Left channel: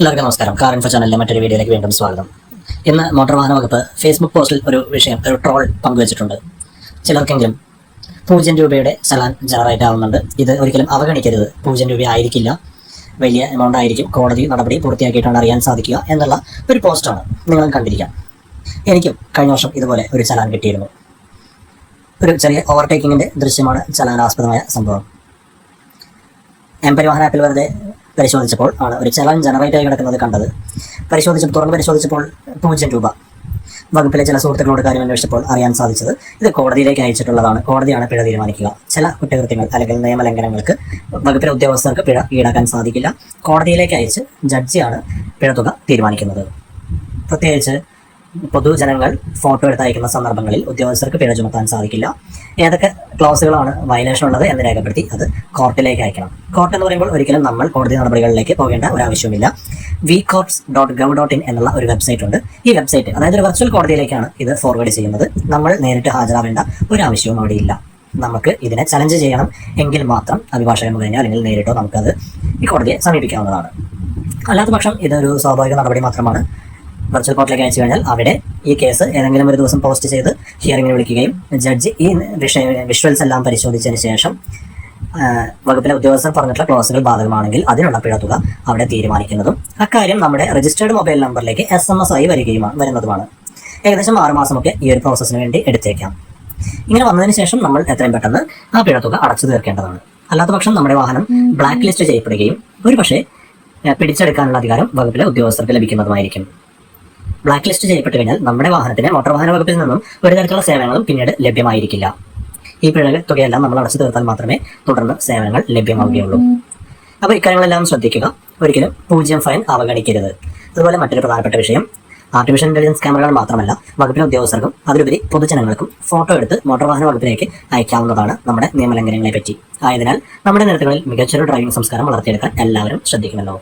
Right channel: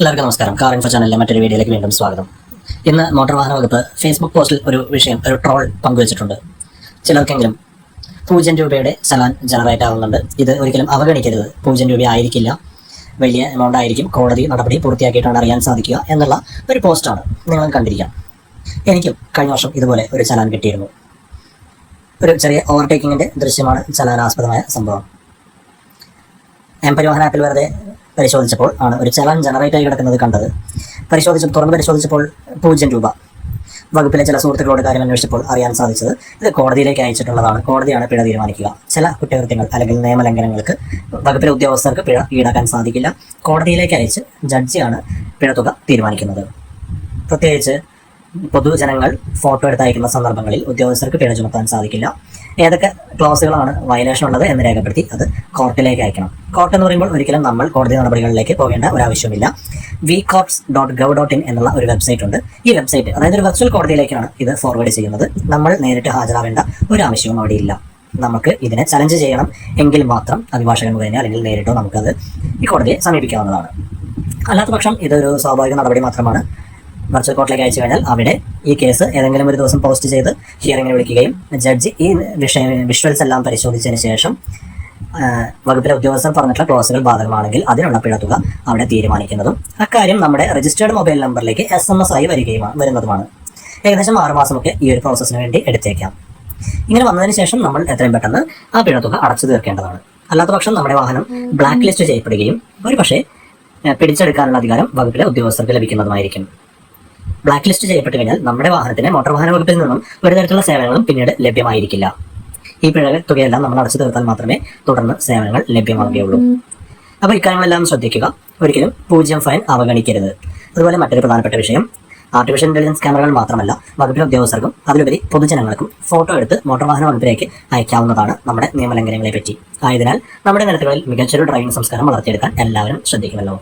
എല്ലാവർക്കും നമസ്കാരം. Car info ചാനലിലെ മറ്റൊരു വീഡിയോയിലേക്ക് വീണ്ടും സ്വാഗതം. ഇന്ന് മോട്ടോർ വാഹന വകുപ്പ് ഫേസ്ബുക്ക് പോസ്റ്റിൽ ഒരു ട്രോൾ പങ്കുവച്ചിട്ടുണ്ട്. ചിലർക്കെങ്കിലും 0 രൂപയുടെ ചലാൻ ജനറേറ്റ് ആവുന്നുണ്ട്. ഇത് ഒരിക്കലും അവഗണിക്കരുത്. 0 രൂപ ആയിരിക്കില്ല, വലിയ എമൗണ്ട് ആയിരിക്കും. കോടതി നടപടി പൂർത്തിയാക്കിയിട്ടാണ് അറിയാൻ സാധിക്കുക എന്നുള്ള ഒരു പോസ്റ്റാണ്. നിങ്ങൾ കണ്ടിരിക്കാം. എനിക്കും കഴിഞ്ഞ വർഷം ഇതുപോലെ ഒരു ചലാൻ കിട്ടിയിരുന്നു. ഒരു ചെറിയ ഓവർടേക്കിങ്ങിൻ്റെ ദൃശ്യമാണ് ചലാനാസ്പദമായ സംഭവം. പരിവാഹൻ ആപ്പിൽ വെറുതെ പരിശോധിച്ചപ്പോൾ ആണ് ഒരു ചലാൻ ജനറേറ്റ് ആയി കിടക്കുന്നത് കണ്ടത്. തുറന്ന് പരിശോധിച്ചപ്പോൾ 0 രൂപ. വകുപ്പിലെ ചില സുഹൃത്തുക്കളോട് കാര്യം അന്വേഷിച്ചപ്പോൾ അറിയാൻ സാധിച്ചത് ഇത് കോടതിയിലേക്ക് അയച്ചിട്ടുള്ളതാണ്. കോടതിയാണ് പിഴ തീരുമാനിക്കുക. ചില കുറ്റകൃത്യങ്ങൾ അല്ലെങ്കിൽ നിയമലംഘനങ്ങൾക്ക് വകുപ്പിലെ ഉദ്യോഗസ്ഥർക്ക് പിഴ ഈടാക്കാൻ സാധിക്കില്ല. കോടതിയിലേക്ക് അയച്ച് ജഡ്ജിയാണ് പിഴത്തുക തീരുമാനിക്കുന്നത്. പ്രത്യേകിച്ച് പൊതുജനങ്ങൾ ഫോട്ടോ എടുത്തയക്കുന്ന സന്ദർഭങ്ങളിൽ ഉദ്യോഗസ്ഥർക്ക് പിഴ ചുമത്താൻ സാധിക്കില്ല. ഏതൊക്കെ ക്ലോസുകളാണ് വയലേഷൻ ഉള്ളത് എന്ന് രേഖപ്പെടുത്തി അത് കോർട്ടിലേക്ക് അയക്കണം. കോർട്ട് എന്ന് പറയുമ്പോൾ ഒരിക്കലും നമ്മൾ കോടതി നടപടികളിലേക്ക് പോകേണ്ട ഒരാവശ്യമില്ല. vcourts.gov.in എന്നുള്ള ഒരു വെബ്സൈറ്റ് ഉണ്ട്. ഈ വെബ്സൈറ്റ്, അതായത് ഒരു വെർച്വൽ കോടതിയിലേക്കാണ് ഇത് ഫോർവേഡ് ചെയ്യുന്നത്. നമ്മൾ നേരിട്ട് ഹാജരാവേണ്ട ഒരു ആവശ്യവും അവിടെയില്ല. നമുക്ക് ഇതിനെ ചലഞ്ച് ചെയ്യണം എങ്കിൽ മാത്രം അഭിഭാഷകൻ മുഖേന അല്ലെങ്കിൽ നേരിട്ടോ നമുക്കത് ഈ കോടതിയെ സമീപിക്കാവുന്നതാണ്. അല്ലാത്ത പക്ഷം ഇതൊരു സ്വാഭാവിക നടപടി മാത്രമാണ്. വെർച്വൽ കോർട്ടിലേക്ക് അയച്ചു കഴിഞ്ഞാൽ അവിടെ ഈ കേസ് ഏതെങ്കിലും ഒരു ദിവസം പോസ്റ്റ് ചെയ്ത് ഹിയറിംഗിന് വിളിക്കുകയും ജഡ്ജി ഈ വിഷ്വൽസ് എല്ലാം പരിശോധിച്ചതിന് ശേഷം വകുപ്പിലെ ഉദ്യോഗസ്ഥർ പറഞ്ഞിട്ടുള്ള ക്ലോസുകൾ ബാധകമാണെങ്കിൽ അതിനുള്ള പിഴത്തുക അവിടെ തീരുമാനിക്കുന്നതും അക്കാര്യം നമ്മുടെ രജിസ്റ്റേർഡ് മൊബൈൽ നമ്പറിലേക്ക് SMS ആയി വരുന്നതുമാണ്. ഏകദേശം 6 മാസമൊക്കെ ഈ ഒരു പ്രോസസ്സിന് വേണ്ടി എടുത്തേക്കാം. ഇങ്ങനെ വന്നതിന് ശേഷം നമ്മൾ എത്രയും പെട്ടെന്ന് ആ പിഴത്തുക അടച്ചു തീർക്കേണ്ടതാണ്. അല്ലാത്ത പക്ഷം നമ്മുടെ വാഹനം ബ്ലാക്ക് ലിസ്റ്റ് ചെയ്യപ്പെടുകയും ഒരു പക്ഷേ പിടിച്ചെടുക്കാനുള്ള അധികാരം വകുപ്പിലെ ഉദ്യോഗസ്ഥർക്ക് ലഭിക്കുന്നതുമായിരിക്കും. ബ്ലാക്ക് ലിസ്റ്റ് ചെയ്യപ്പെട്ടു കഴിഞ്ഞാൽ നമ്മുടെ വാഹനത്തിന് മോട്ടോർ വാഹന വകുപ്പിൽ നിന്നും ഒരു തരത്തിലുള്ള സേവനങ്ങളും പിന്നീട് ലഭ്യമായിരിക്കില്ല. ഈ പിഴ തുകയെല്ലാം നമ്മൾ അടച്ചു തീർത്താൽ മാത്രമേ തുടർന്ന് സേവനങ്ങൾ ലഭ്യമാവുകയുള്ളൂ. അപ്പോൾ ഇക്കാര്യങ്ങളെല്ലാം ശ്രദ്ധിക്കുക. ഒരിക്കലും 0 ഫൈൻ അവഗണിക്കരുത്. അതുപോലെ മറ്റൊരു പ്രധാനപ്പെട്ട വിഷയം, ആർട്ടിഫിഷ്യൽ ഇന്റലിജൻസ് ക്യാമറകൾ മാത്രമല്ല, വകുപ്പിലെ ഉദ്യോഗസ്ഥർക്കും അതിലുപരി പൊതുജനങ്ങൾക്കും ഫോട്ടോ എടുത്ത് മോട്ടോർ വാഹന വകുപ്പിലേക്ക് അയക്കാവുന്നതാണ് നമ്മുടെ നിയമലംഘനങ്ങളെ പറ്റി. ആയതിനാൽ നമ്മുടെ നിരത്തുകളിൽ മികച്ചൊരു ഡ്രൈവിംഗ് സംസ്കാരം വളർത്തിയെടുക്കാൻ എല്ലാവരും ശ്രദ്ധിക്കുമല്ലോ.